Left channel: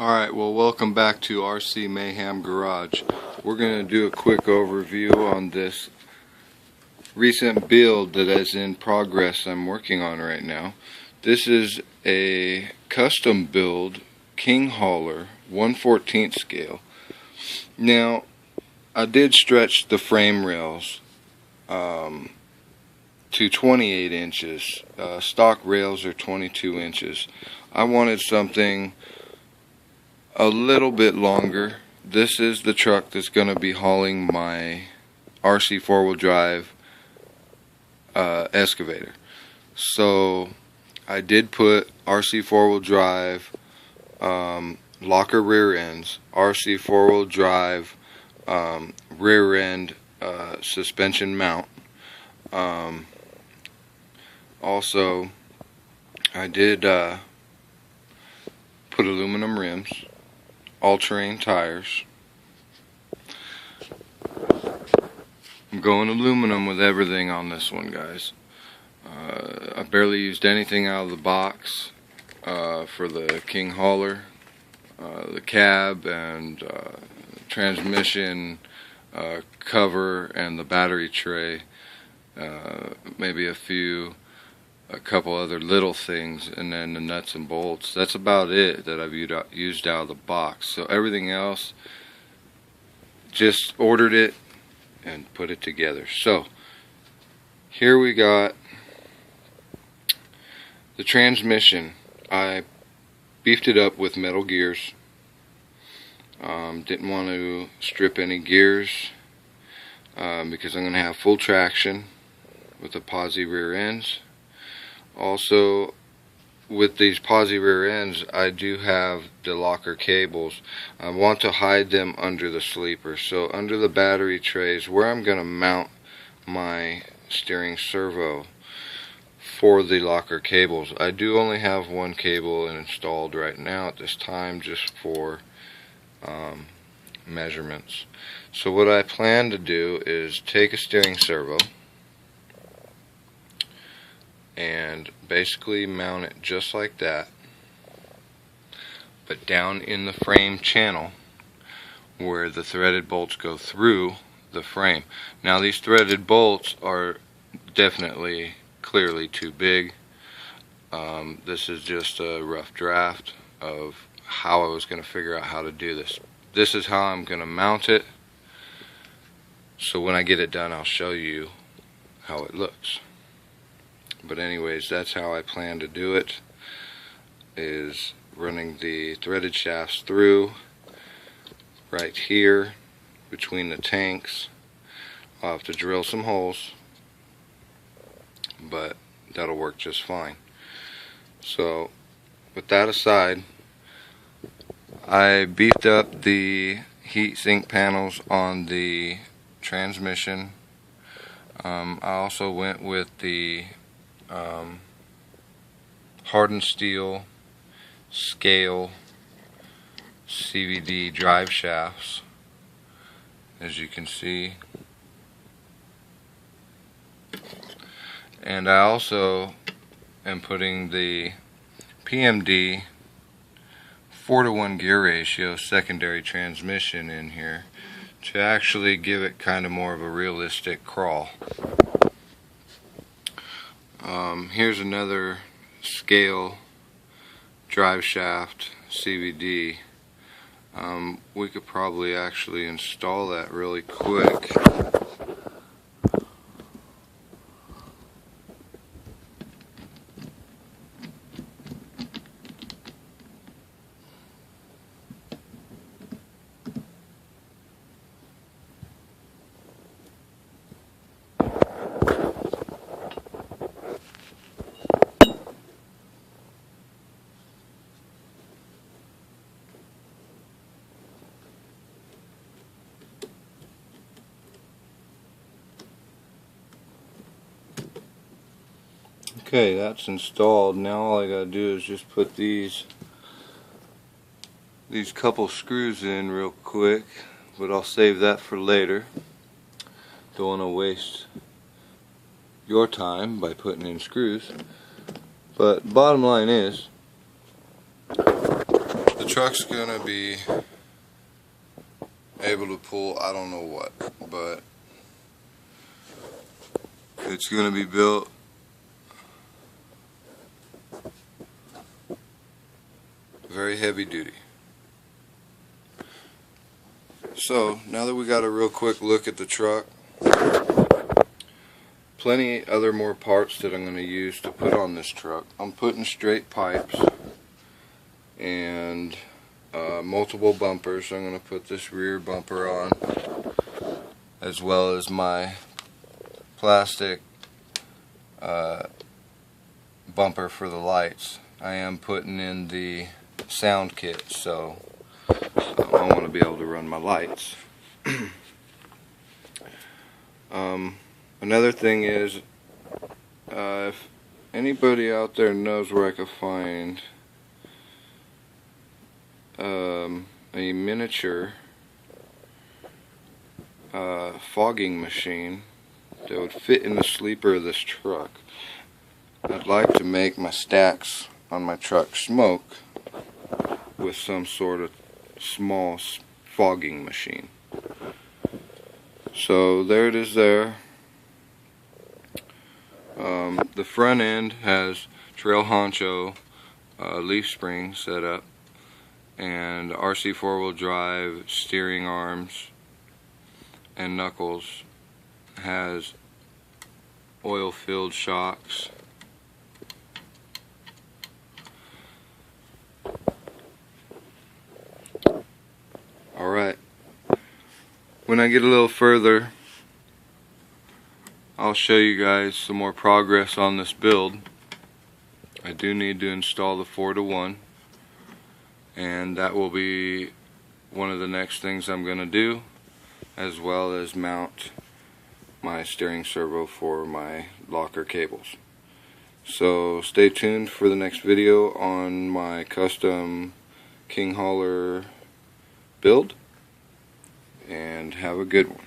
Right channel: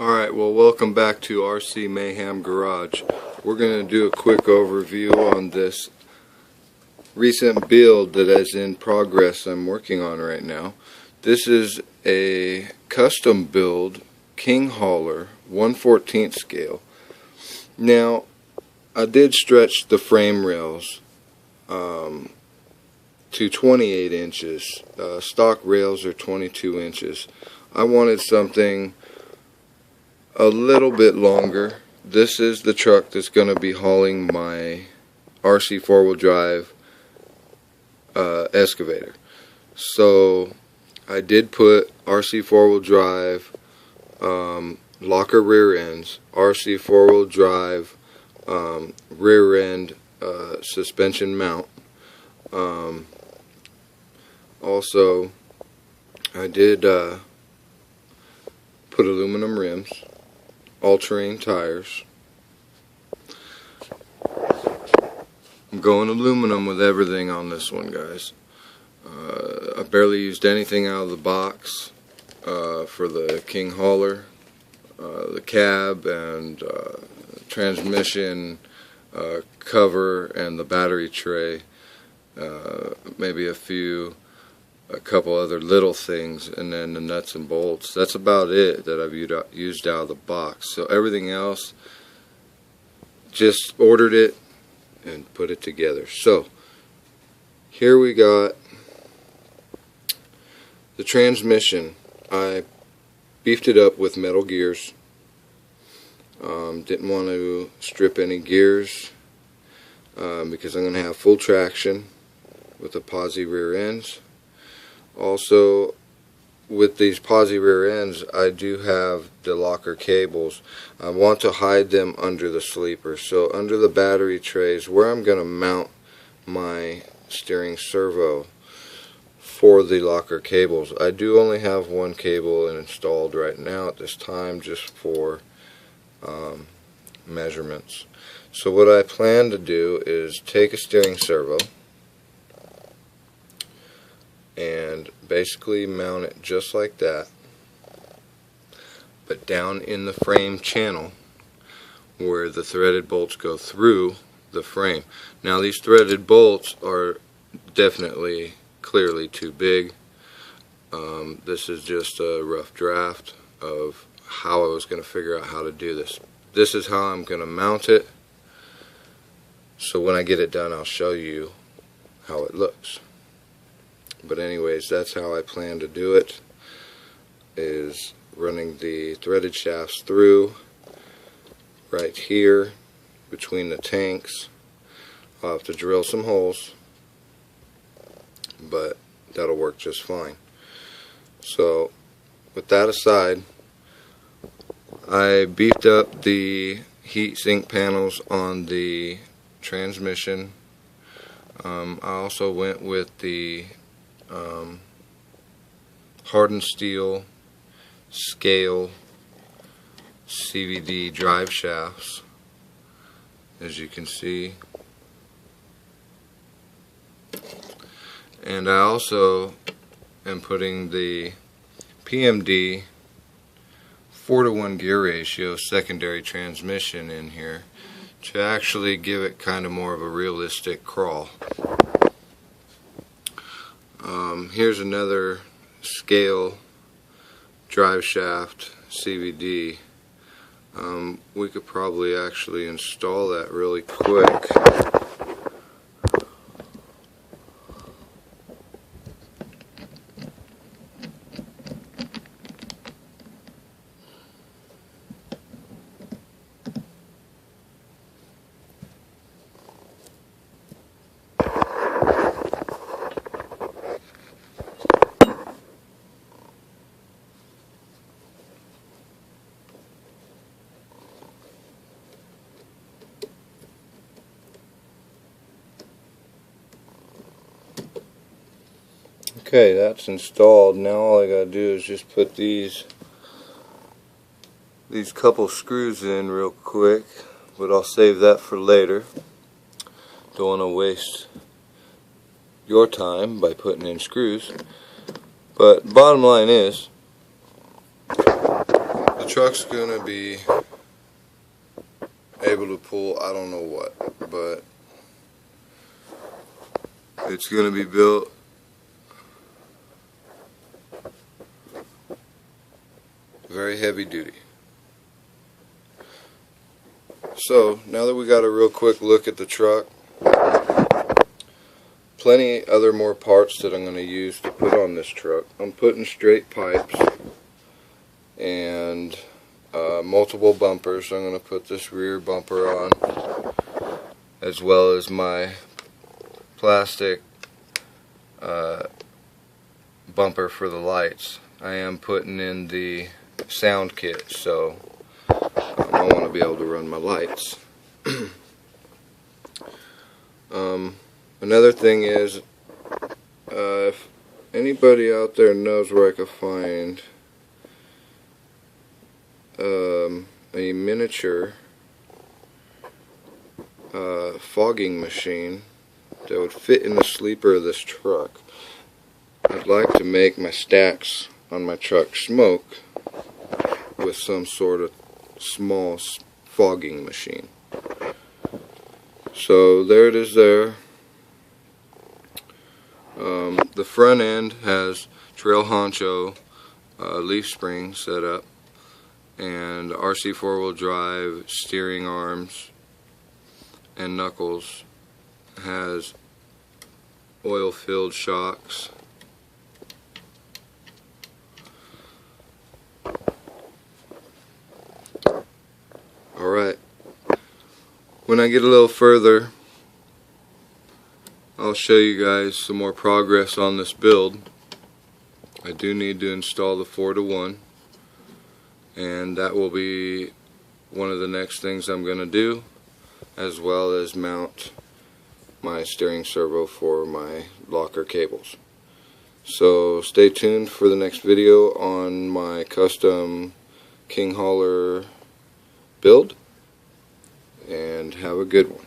Alright, well, welcome back to RC Mayhem Garage. We're going to do a quick overview on this recent build that is in progress I'm working on right now. This is a custom build King Hauler 1/14 scale. Now, I did stretch the frame rails to 28 inches. Stock rails are 22 inches. I wanted something a little bit longer. This is the truck that's going to be hauling my RC four-wheel drive excavator. So I did put RC four-wheel drive locker rear ends, RC four-wheel drive rear end suspension mount. Also, I did put aluminum rims, all-terrain tires. I'm going aluminum with everything on this one, guys. I barely used anything out of the box for the King Hauler. The cab and transmission cover and the battery tray, maybe a couple other little things, and then the nuts and bolts. That's about it that I've used out of the box. So everything else, just ordered it and put it together. So here we got the transmission. I beefed it up with metal gears. Didn't want to strip any gears because I'm going to have full traction with the posi rear ends. Also, with these posi rear ends, I do have the locker cables. I want to hide them under the sleeper. So under the battery trays, where I'm going to mount my steering servo for the locker cables. I do only have one cable installed right now at this time, just for measurements. So what I plan to do is take a steering servo and basically mount it just like that, but down in the frame channel where the threaded bolts go through the frame. Now these threaded bolts are definitely clearly too big. This is just a rough draft of how I was going to figure out how to do this. This is how I'm going to mount it, so when I get it done I'll show you how it looks. But anyways, that's how I plan to do it, is running the threaded shafts through right here between the tanks. I'll have to drill some holes, but that'll work just fine. So with that aside, I beefed up the heat sink panels on the transmission. I also went with the hardened steel scale CVD drive shafts, as you can see. And I also am putting the PMD 4:1 gear ratio secondary transmission in here to actually give it kind of more of a realistic crawl. Here's another scale drive shaft CVD. We could probably actually install that really quick. Okay, that's installed. Now all I gotta do is just put these couple screws in real quick, but I'll save that for later. Don't want to waste your time by putting in screws. But bottom line is, The truck's gonna be able to pull, I don't know what, but it's gonna be built very heavy duty. So now that we got a real quick look at the truck, plenty other more parts that I'm going to use to put on this truck. I'm putting straight pipes and multiple bumpers. I'm going to put this rear bumper on, as well as my plastic bumper for the lights. I am putting in the sound kit, so I want to be able to run my lights. Another thing is, if anybody out there knows where I could find a miniature fogging machine that would fit in the sleeper of this truck, I'd like to make my stacks on my truck smoke with some sort of small fogging machine. So there it is there. The front end has Trail Honcho leaf spring set up, and RC 4-wheel drive steering arms and knuckles. Has oil filled shocks. Alright, when I get a little further, I'll show you guys some more progress on this build. I do need to install the 4-to-1, and that will be one of the next things I'm going to do, as well as mount my steering servo for my locker cables. So stay tuned for the next video on my custom King Hauler build, and have a good one.